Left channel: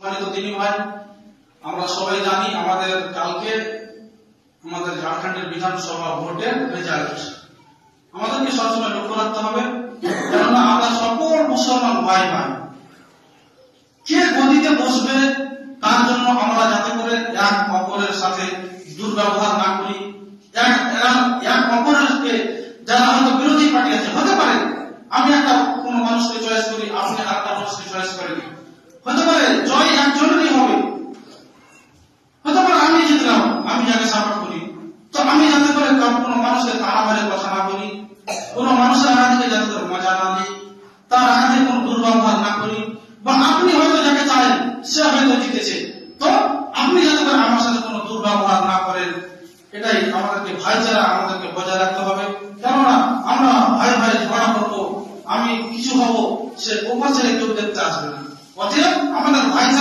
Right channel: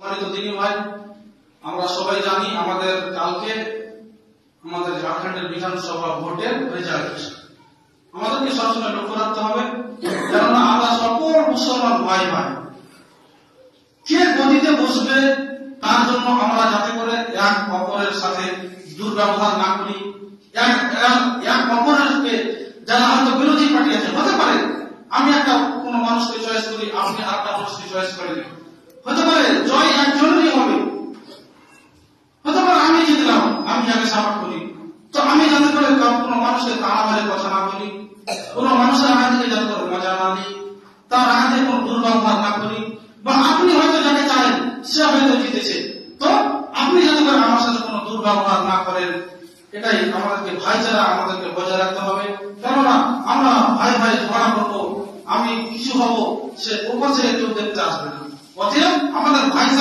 সম্মানিত দিনী ভাই, আমরা সবাই জানি আমাদের কালকে আমাদের ঝাড়খণ্ডের বিধানসভা ভোটের রেজাল্ট। আমাদেরকে সবসময় লক্ষ্য রাখতে হবে, কেননা আমরা সকল মুসলমান ভাই ভাই কে গদিতে বসবে তার জন্য আমরা যাতে করে এক অপরের সাথে দুর্ব্যবহার না করি। এক অপরকে যারা হয়তো বিরোধী পার্টি আছে, হতে পারে আমি একটা কোন মানুষকে চয়েস করি, আপনি আরেকটা মানুষকে চয়েস করেন, হতে পারে জয় একজনেরই হবে, হতে পারে আমি জিতলাম, আমি যাকে সাপোর্ট করি। তো আমি যাতে করে কোন মানুষকে তাড়া মারে কথা না করি, কোন মানুষের আঘাতে যাতে করে মজা না দিই, তার আঘাতে কোন দুর্ব্যবহার না করি। বা আপনি হয়তো যাকে চান সে হয়তো জিতেছে, তো আপনি যাতে করে আমার সাথে কোনো দুর্ব্যবহার না করেন। এটাই আমাদেরকে ভাইচারা আমাদেরকে বজায় রাখতে হবে, কেননা আমরা ভাই ভাই ঝগড়া করবো, আমি কিছু হবো, সে ওপার ছেড়ে কেউ দেখতে আসবে না। অতএব আমাদের ভাইচারা